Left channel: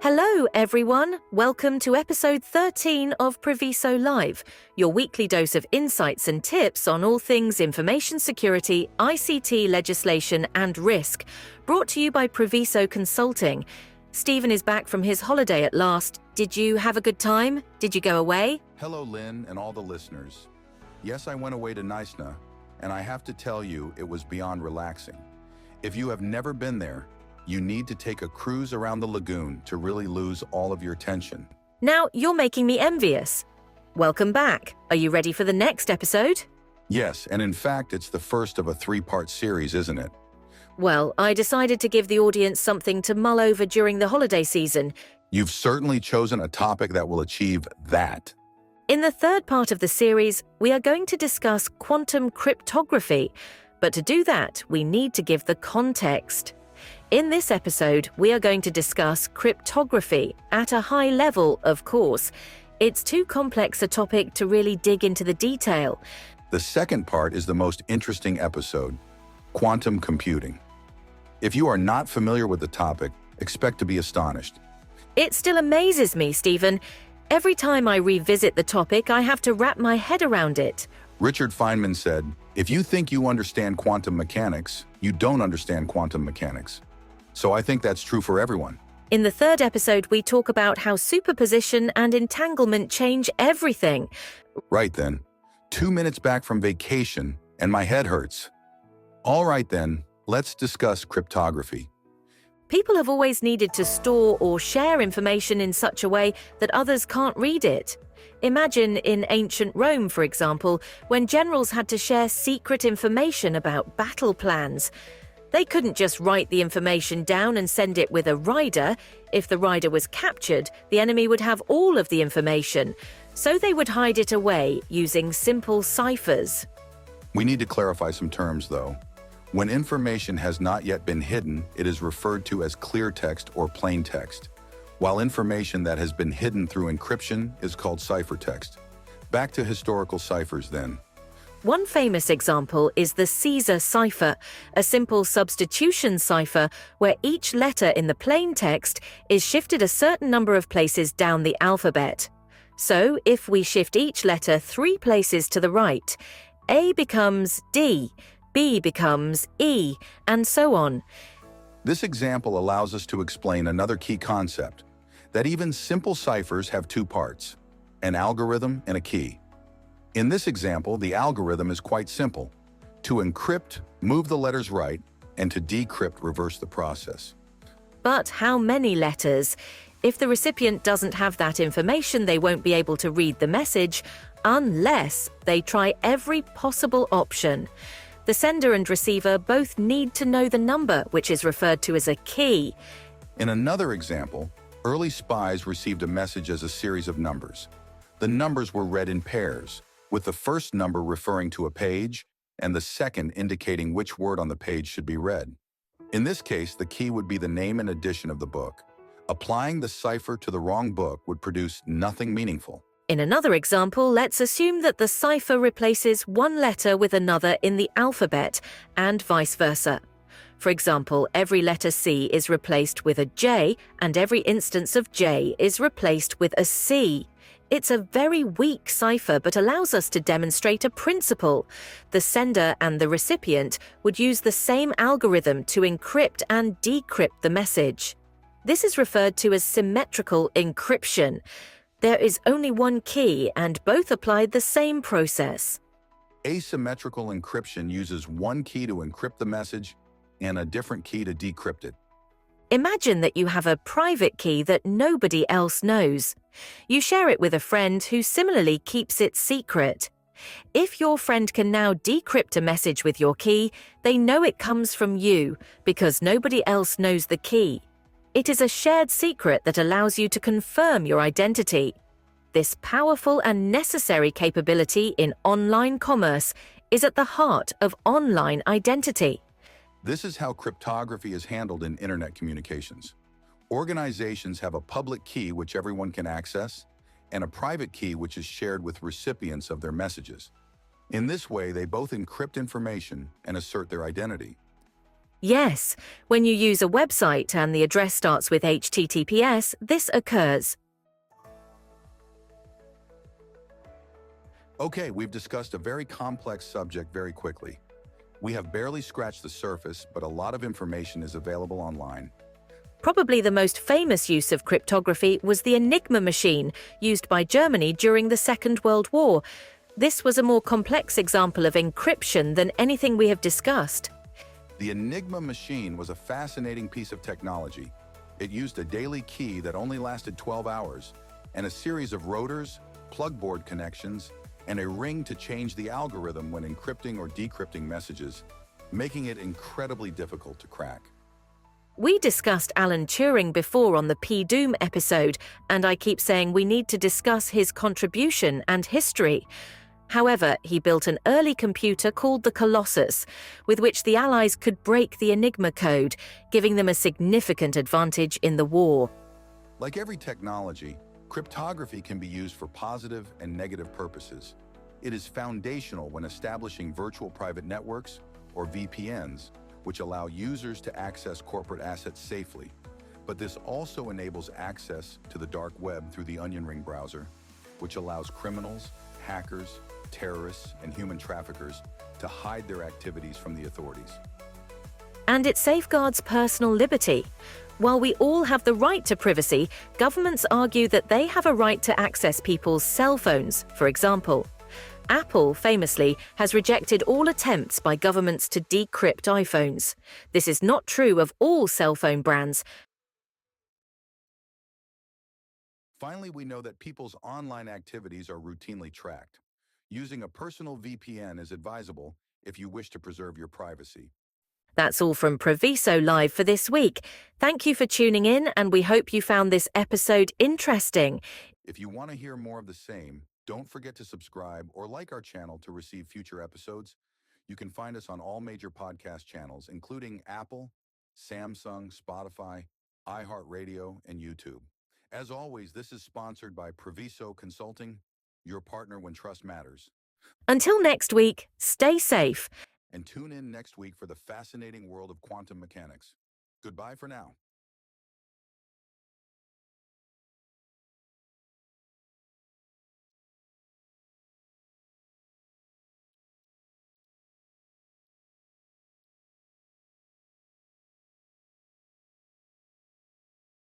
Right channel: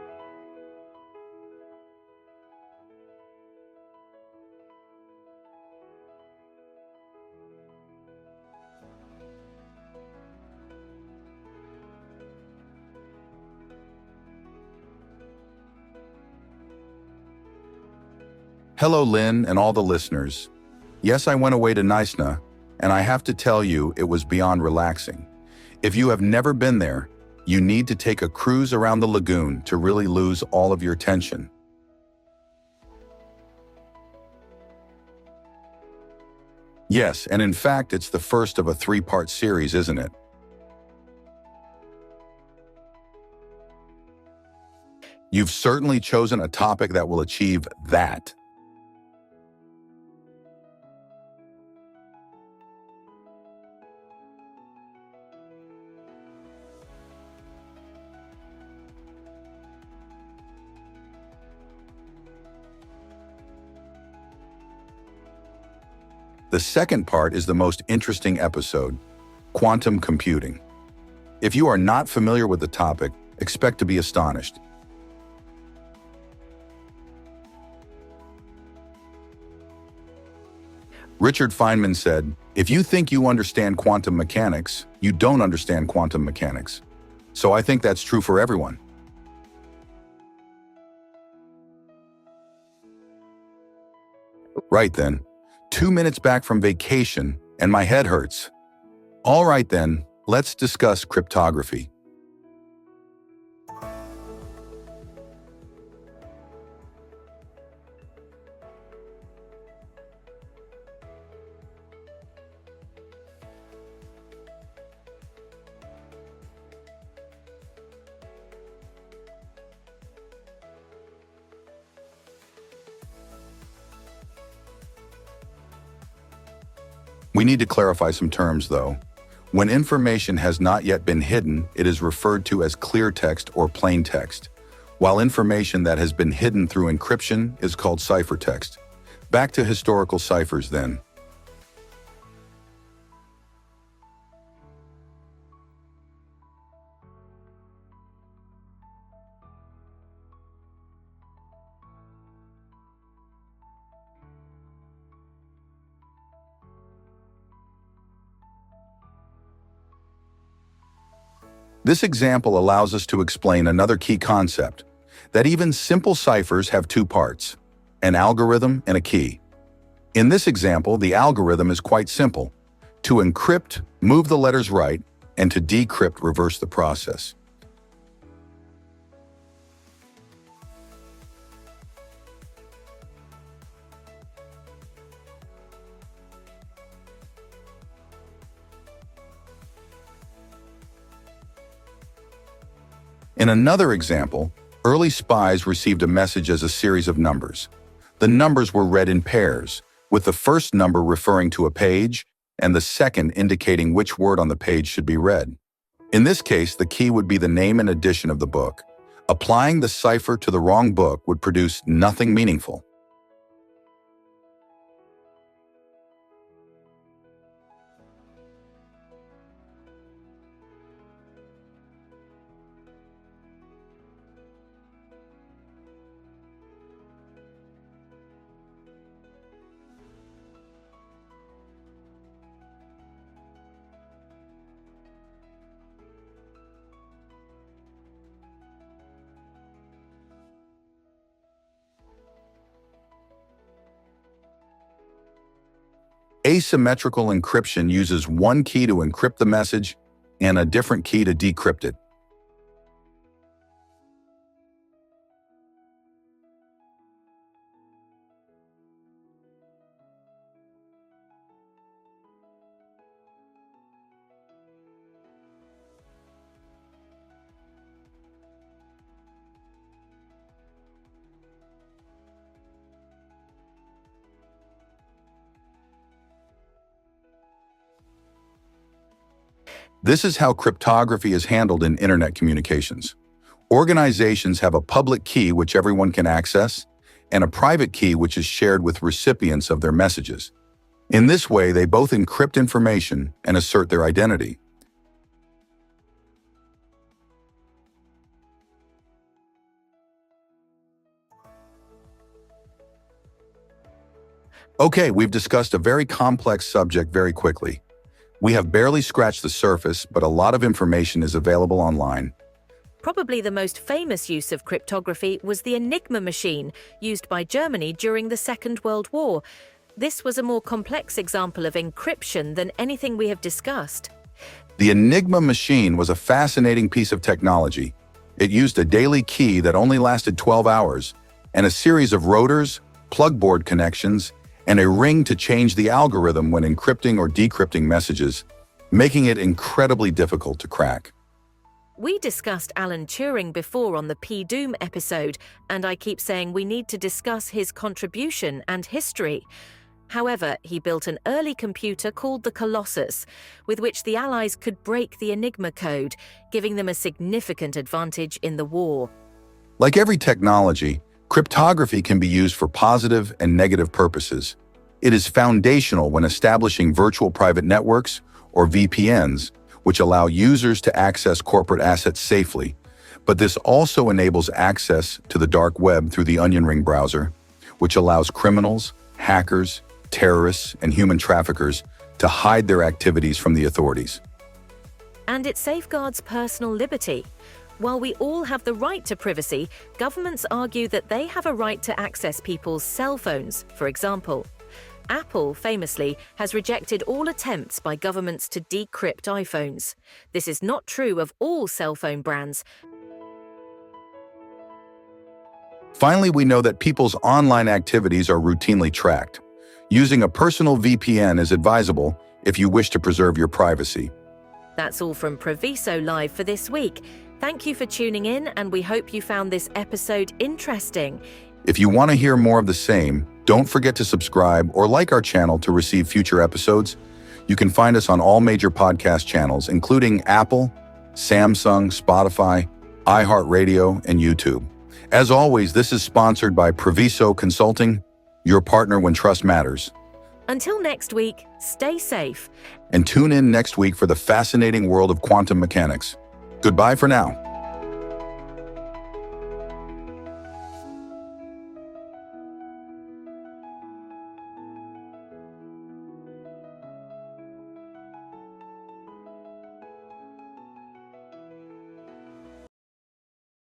Hello, everyone. Welcome to episode 13 of Priviso Live, your weekly dose of insights and tips on all things information security, ICT legislation, and risk, brought to you by Priviso Consulting. Stephen is back from his holiday at last. Did you have a good time? Did you go away? Hello, Lynn, and all the listeners. Yes, I went away to Naisna, and I have to tell you, it was beyond relaxing. If you have never been there, you need to take a cruise around the lagoon to really lose all of your tension. Now, you're making me envious. Welcome back. Are you ready for the next episode? Yes, and in fact, it's the first of a three-part series, isn't it? Well, I decided to give the audience something to mull over during the holiday season. You've certainly chosen a topic that will achieve that. In the third part of the series, we are going to discuss quantum cryptography. But to do that, we need to give the context. In this episode, we are going to discuss cryptography at a high level, of course. It's too complex a topic to really dig into the detail. The second part is the most interesting episode, quantum computing. If you are not familiar with the topic, expect to be astonished. It still amazes me, Stephen. Every time I revisit the topic, I have to wrap my head around it. Richard Feynman said, "If you think you understand quantum mechanics, you don't understand quantum mechanics." So I think that's true for everyone. In the third episode, we talk about how superposition and entanglement change everything. Right then. 2 minutes back from vacation, and my head hurts. All right then, let's discuss cryptography. People have always needed to store or share information in such a way that others can't read it. Imagine in ancient Rome, for example, when generals had to share secret information about battle plans. They couldn't just write the information down and send it with a rider. If the rider was captured, the enemy would have all of the information. So they would hide it away using simple ciphers. We need to clarify some terms, though. When information has not yet been hidden, it is referred to as clear text or plain text, while information that has been hidden through encryption is called ciphertext. Back to historical ciphers, then. One famous example is the Caesar cipher, a simple substitution cipher where each letter in the plain text is shifted a certain number of places down the alphabet. So, if we shift each letter 3 places to the right, A becomes D, B becomes E, and so on. This example allows us to explain another key concept, that even simple ciphers have 2 parts, an algorithm and a key. In this example, the algorithm is quite simple. To encrypt, move the letters right, and to decrypt, reverse the process. But how many letters? If the recipient doesn't have that information, they won't be able to read the message unless they try every possible option. The sender and receiver both need to know the number, which is referred to as a key. In another example, early spies received a message as a series of numbers. The numbers were read in pairs, with the first number referring to a page and the second indicating which word on the page should be read. In this case, the key would be the name and edition of the book. Applying the cipher to the wrong book would produce nothing meaningful. In another example, let's assume that the cipher replaces one letter with another in the alphabet, and vice versa. For example, every letter C is replaced with a J, and every instance of J is replaced with a C. It's a very weak cipher, but allows us to demonstrate a principle. The sender and the recipient would use the same algorithm to encrypt and decrypt the message. This is referred to as symmetrical encryption. There is only one key, and both applied the same process. Asymmetrical encryption uses one key to encrypt the message and a different key to decrypt it. Imagine that you have a private key that nobody else knows. You share it with a friend who similarly keeps it secret. If your friend can now decrypt a message with your key, they know it comes from you because nobody else knows the key. It is a shared secret that allows you to confirm your identity. This powerful and necessary capability in online commerce is at the heart of online identity. This is how cryptography is handled in internet communications. Organizations have a public key which everyone can access, and a private key which is shared with recipients of their messages. In this way, they both encrypt information and assert their identity. Yes, when you use a website and the address starts with HTTPS, this occurs. Okay, we've discussed a very complex subject very quickly. We have barely scratched the surface, but a lot of information is available online. Probably the most famous use of cryptography was the Enigma machine, used by Germany during the Second World War. This was a more complex example of encryption than anything we have discussed. The Enigma machine was a fascinating piece of technology. It used a daily key that only lasted 12 hours, and a series of rotors, plugboard connections, and a ring to change the algorithm when encrypting or decrypting messages, making it incredibly difficult to crack. We discussed Alan Turing before on the P-Doom episode, and I keep saying we need to discuss his contribution and history. However, he built an early computer called the Colossus, with which the Allies could break the Enigma code, giving them a significant advantage in the war. Like every technology, cryptography can be used for positive and negative purposes. It is foundational when establishing virtual private networks, or VPNs, which allow users to access corporate assets safely. But this also enables access to the dark web through the Onion Ring browser, which allows criminals, hackers, terrorists, and human traffickers to hide their activities from the authorities. And it safeguards personal liberty. While we all have the right to privacy, governments argue that they have a right to access people's cell phones, for example. Apple, famously, has rejected all attempts by governments to decrypt iPhones. This is not true of all cell phone brands. Finally, we know that people's online activities are routinely tracked. Using a personal VPN is advisable if you wish to preserve your privacy. That's all from Priviso Live for this week. Thank you for tuning in, and we hope you found this episode interesting. If you want to hear more of the same, don't forget to subscribe or like our channel to receive future episodes. You can find us on all major podcast channels, including Apple, Samsung, Spotify, iHeartRadio, and YouTube. As always, this is sponsored by Priviso Consulting, your partner when trust matters. Until next week, stay safe. And tune in next week for the fascinating world of quantum mechanics. Goodbye for now.